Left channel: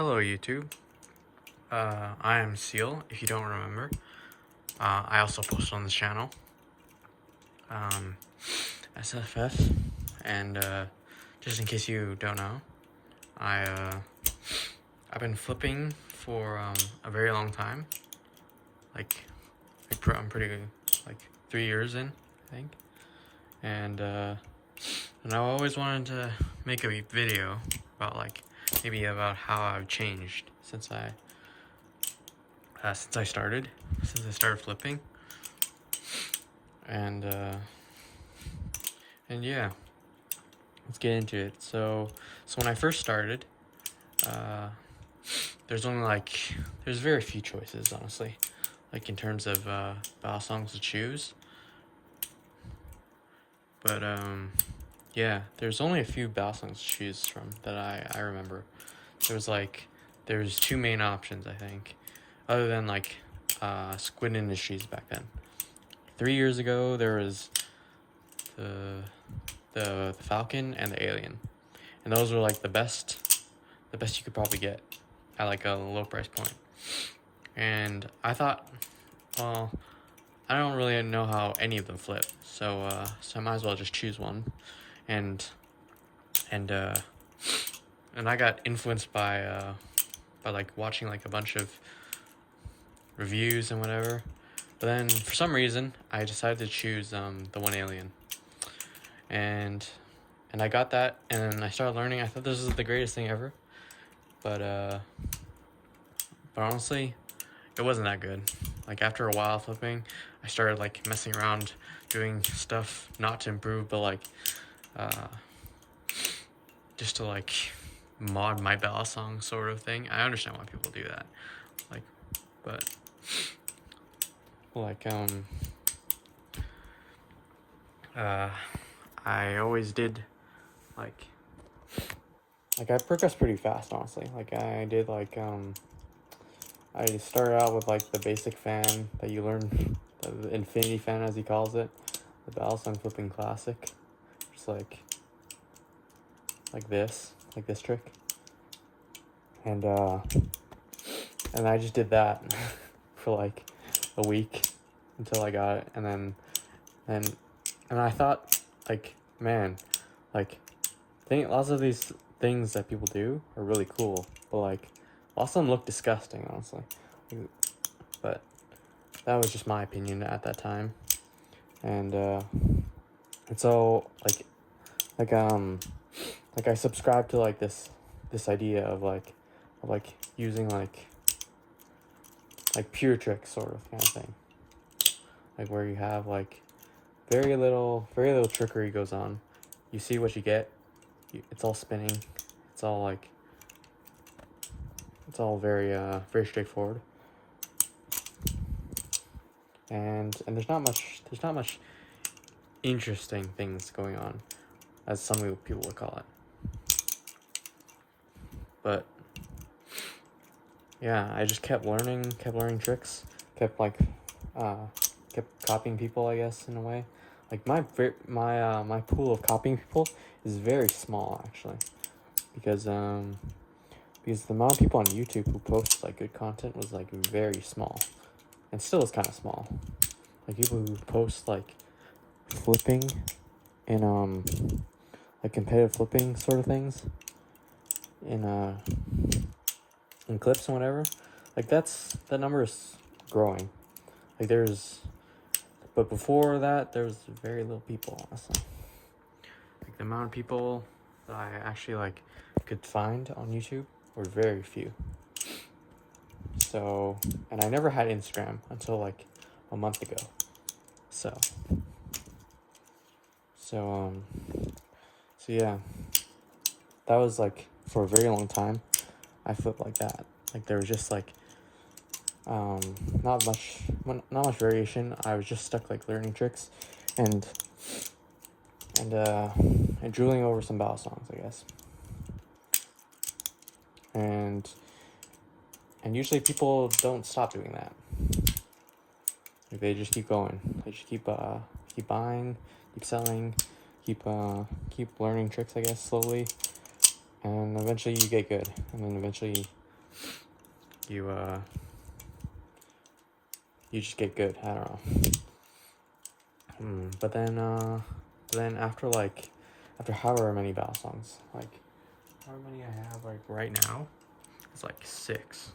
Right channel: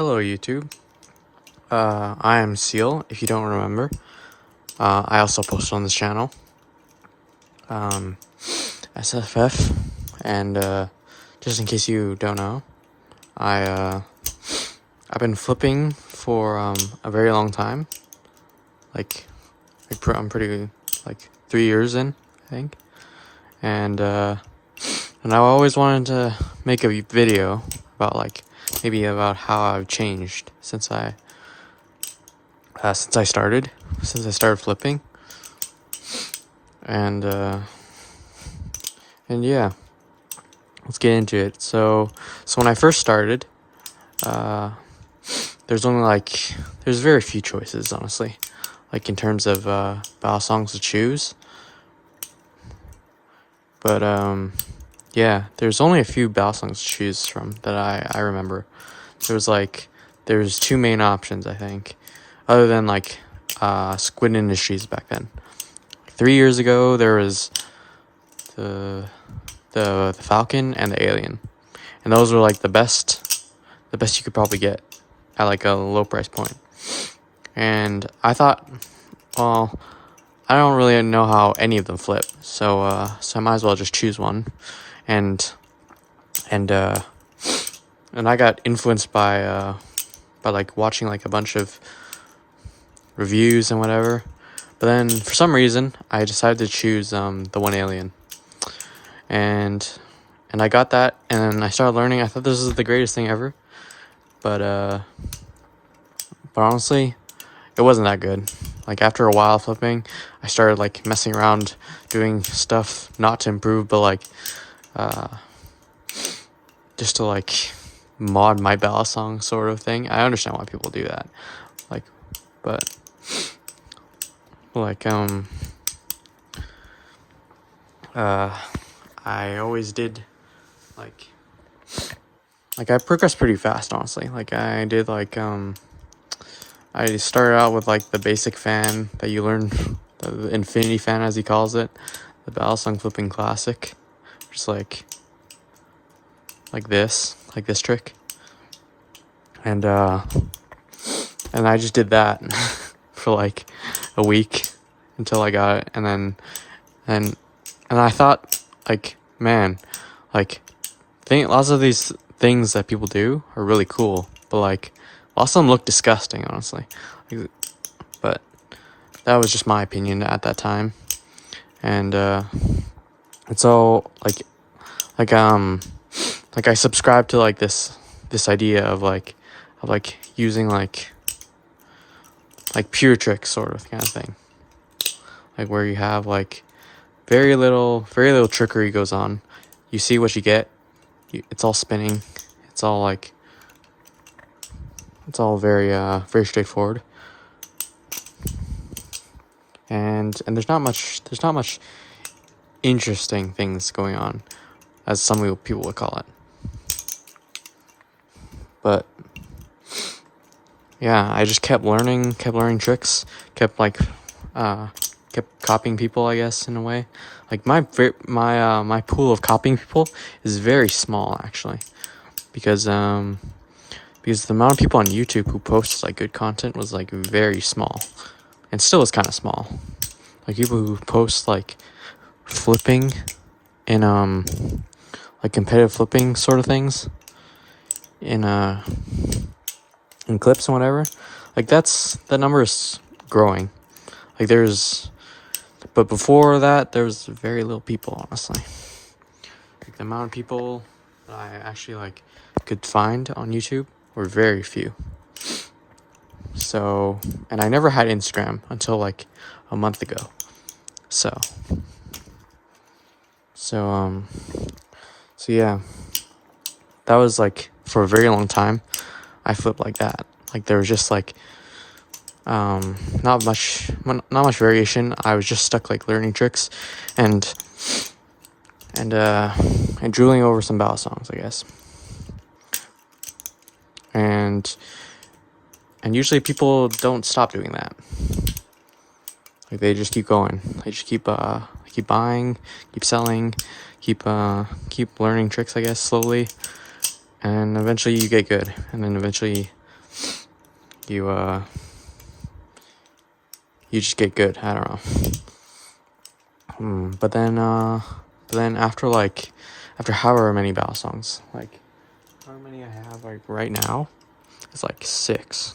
Hello YouTube, I am Seal, if you don't remember. I also post on this channel, SFF, and just in case you don't know, I've been flipping for a very long time, I'm pretty, 3 years in, I think, and I always wanted to make a video about maybe about how I've changed since I started flipping, and yeah, let's get into it. So when I first started, there's very few choices, honestly, in terms of balisongs to choose. But yeah, there's only a few balisongs to choose from that I remember. There's two main options, I think, other than Squid Industries back then. 3 years ago, there was the Falcon and the Alien, and those were the best you could probably get at a low price point. And I thought, well, I don't really know how any of them flip, so I might as well just choose one. And I got influenced by watching a bunch of reviews and whatever. But then for some reason I decided to choose the one Alien. And I got that, and I started learning. I thought this was the greatest thing ever. But honestly, it wasn't that good. After a while flipping, I started messing around, doing stuff not to improve, but just to mod my balisong sort of thing. I understand why people do that. But I always did I progressed pretty fast, honestly. I did I started out with the basic fan that you learn, the infinity fan as he calls it, the balisong flipping classic, just like this trick, and I just did that for a week until I got it, and I thought man, lots of these things that people do are really cool, but lots of them look disgusting, honestly. But that was just my opinion at that time, and so I subscribed to this idea of using pure tricks sort of kind of thing, where you have very little trickery goes on. You see what you get. It's all spinning. It's all very straightforward. And there's not much interesting things going on, as some people would call it. But yeah, I just kept learning tricks, kept copying people, I guess, in a way. My pool of copying people is very small, actually, because the amount of people on YouTube who post good content was very small, and still is kind of small. People who post flipping and competitive flipping sort of things in clips and whatever, that number is growing. But before that, there was very little people, honestly. The amount of people that I actually could find on YouTube were very few. So, and I never had Instagram until a month ago. So yeah, that was for a very long time I flipped like that. There was just not much variation. I was just stuck learning tricks and drooling over some balisongs, I guess. And usually people don't stop doing that. They just keep going. They just keep buying, keep selling, keep learning tricks, I guess, slowly, and eventually you get good. And then eventually you you just get good. I don't know. But then after however many battle songs, like how many I have like right now, it's like 6.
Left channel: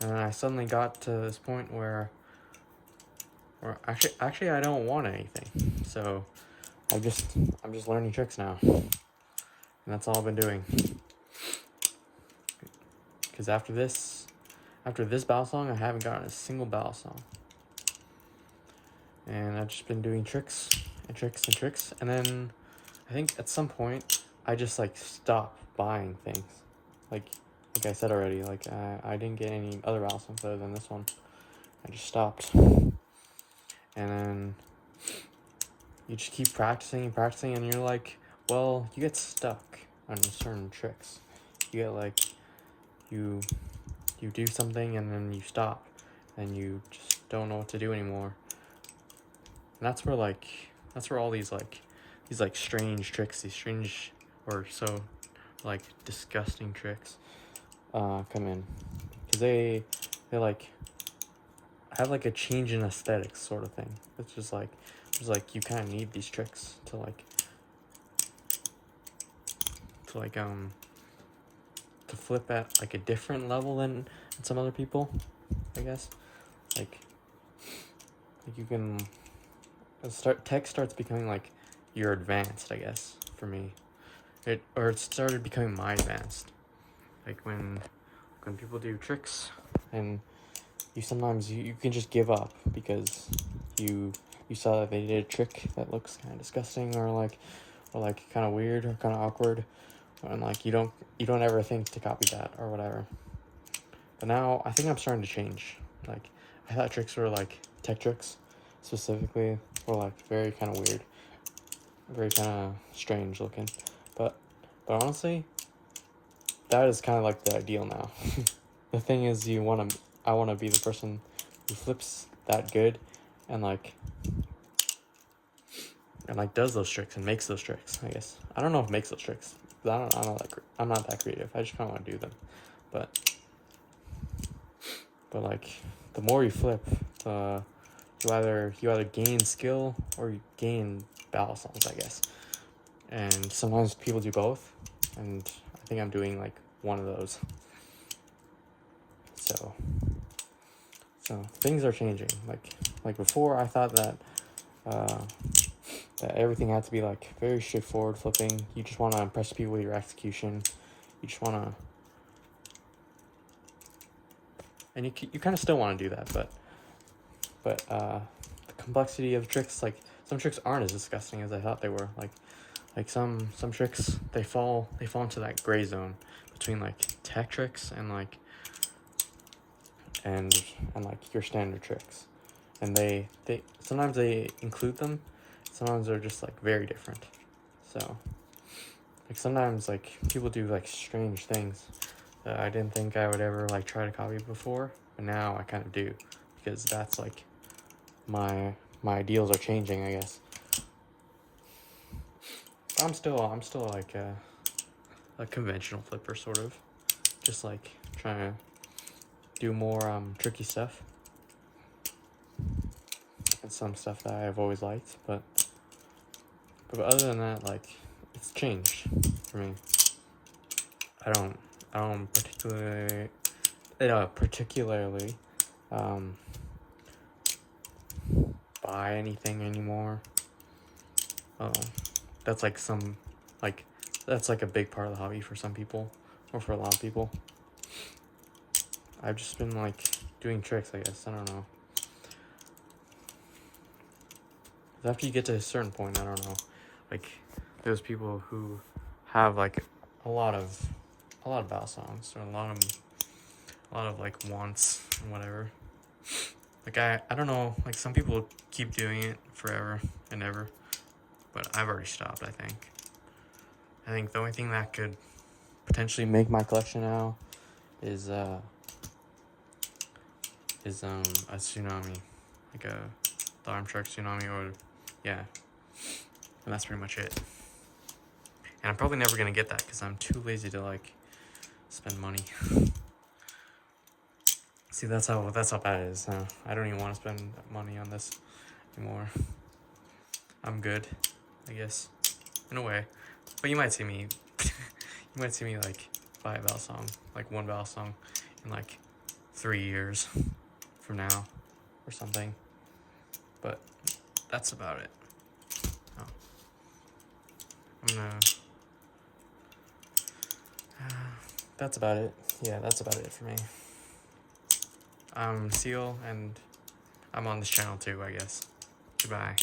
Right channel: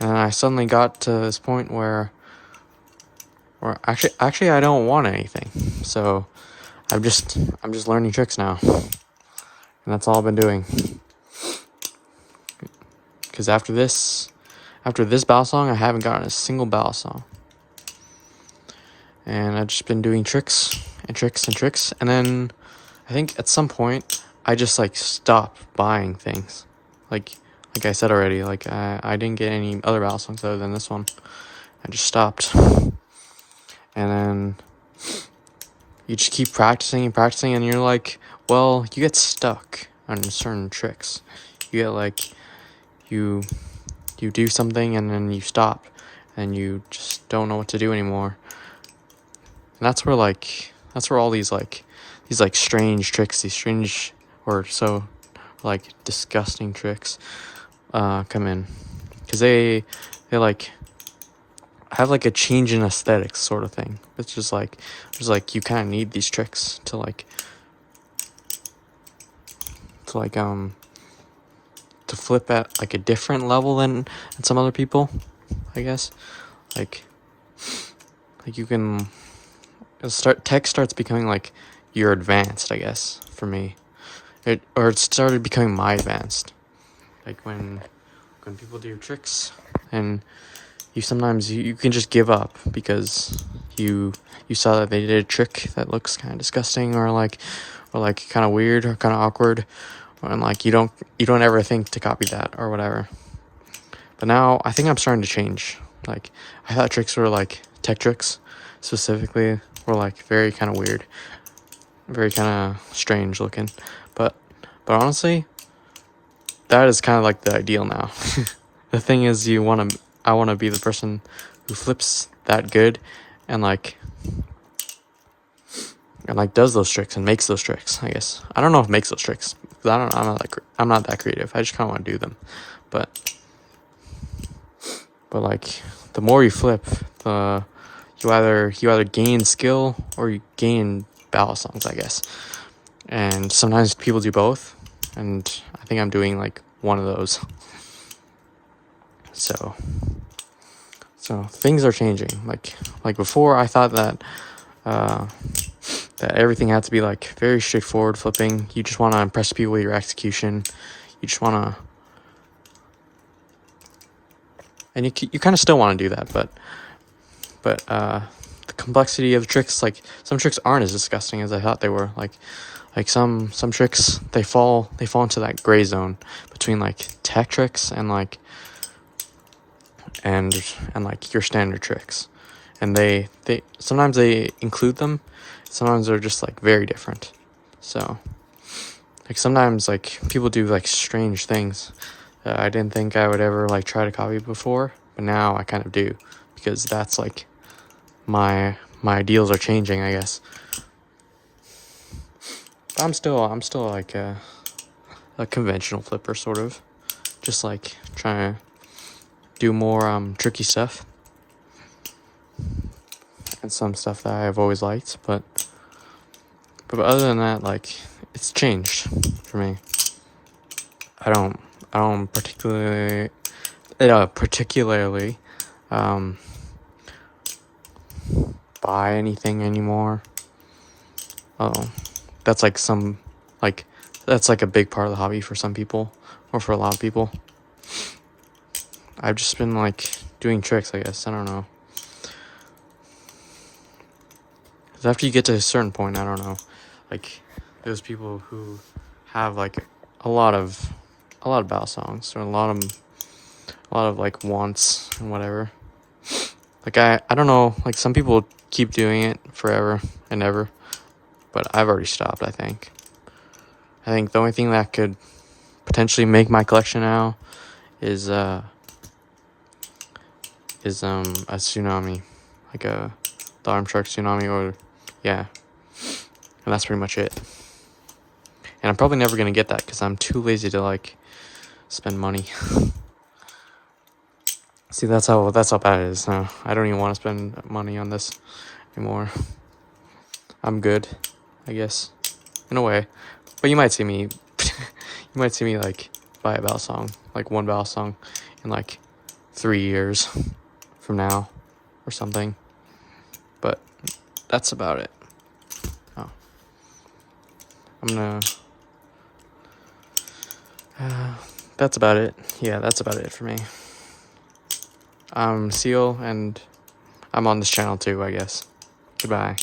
And then I suddenly got to this point where actually I don't want anything. So I'm just learning tricks now. And that's all I've been doing. Because after this battle song, I haven't gotten a single battle song. And I've just been doing tricks and tricks and tricks. And then I think at some point I just like stopped buying things. Like I said already, like I didn't get any other battle songs other than this one. I just stopped. And then you just keep practicing and practicing, and you're like, well, you get stuck on certain tricks. You get like you do something and then you stop and you just don't know what to do anymore. And that's where all these strange tricks, these strange or so like disgusting tricks come in, because they like have like a change in aesthetics sort of thing. It's just like you kind of need these tricks to flip at like a different level than some other people, I guess. Like you can tech starts becoming like your advanced, I guess, for me. It started becoming my advanced. Like when people do tricks and you sometimes you can just give up because you saw that they did a trick that looks kind of disgusting or kind of weird or kind of awkward, and like you don't ever think to copy that or whatever. But now I think I'm starting to change. Like I thought tricks were like tech tricks specifically were like very kind of weird, very kind of strange looking, but honestly that is kind of like the ideal now. The thing is I want to be the person who flips that good and does those tricks and makes those tricks, I guess. I don't know if makes those tricks, because I'm not that creative. I just kind of want to do them. But like the more you flip, you either gain skill or you gain battle songs, I guess. And sometimes people do both, and I think I'm doing like one of those. So things are changing. Like before, I thought that that everything had to be like very straightforward flipping. You just want to impress people with your execution. You just want to, and you kind of still want to do that, but the complexity of the tricks, like some tricks aren't as disgusting as I thought they were. Like some tricks, they fall into that gray zone between like tech tricks and like your standard tricks, and they sometimes they include them, sometimes they're just like very different. So like sometimes like people do like strange things that I didn't think I would ever like try to copy before, but now I kind of do, because that's like my ideals are changing, I guess. But I'm still like a conventional flipper, sort of, just like trying to do more tricky stuff and some stuff that I've always liked, but other than that, like, it's changed for me. I don't particularly buy anything anymore. That's like that's like a big part of the hobby for some people, or for a lot of people. I've just been like doing tricks, I guess. I don't know. 'Cause after you get to a certain point, I don't know, like those people who have like a lot of battle songs, or a lot of like wants and whatever. Like I don't know, like some people keep doing it forever and ever, but I've already stopped. I think the only thing that could potentially make my collection now is a tsunami, like the arm shark tsunami, or yeah, and that's pretty much it. And I'm probably never gonna get that because I'm too lazy to like spend money. See, that's how bad it is now. I don't even want to spend money on this anymore. I'm good, I guess, in a way. But you might see me, like buy a balisong, like one balisong, in like 3 years from now, or something. But that's about it. Oh, I'm gonna. That's about it. Yeah, that's about it for me. I'm Seal, and I'm on this channel too, I guess. Goodbye.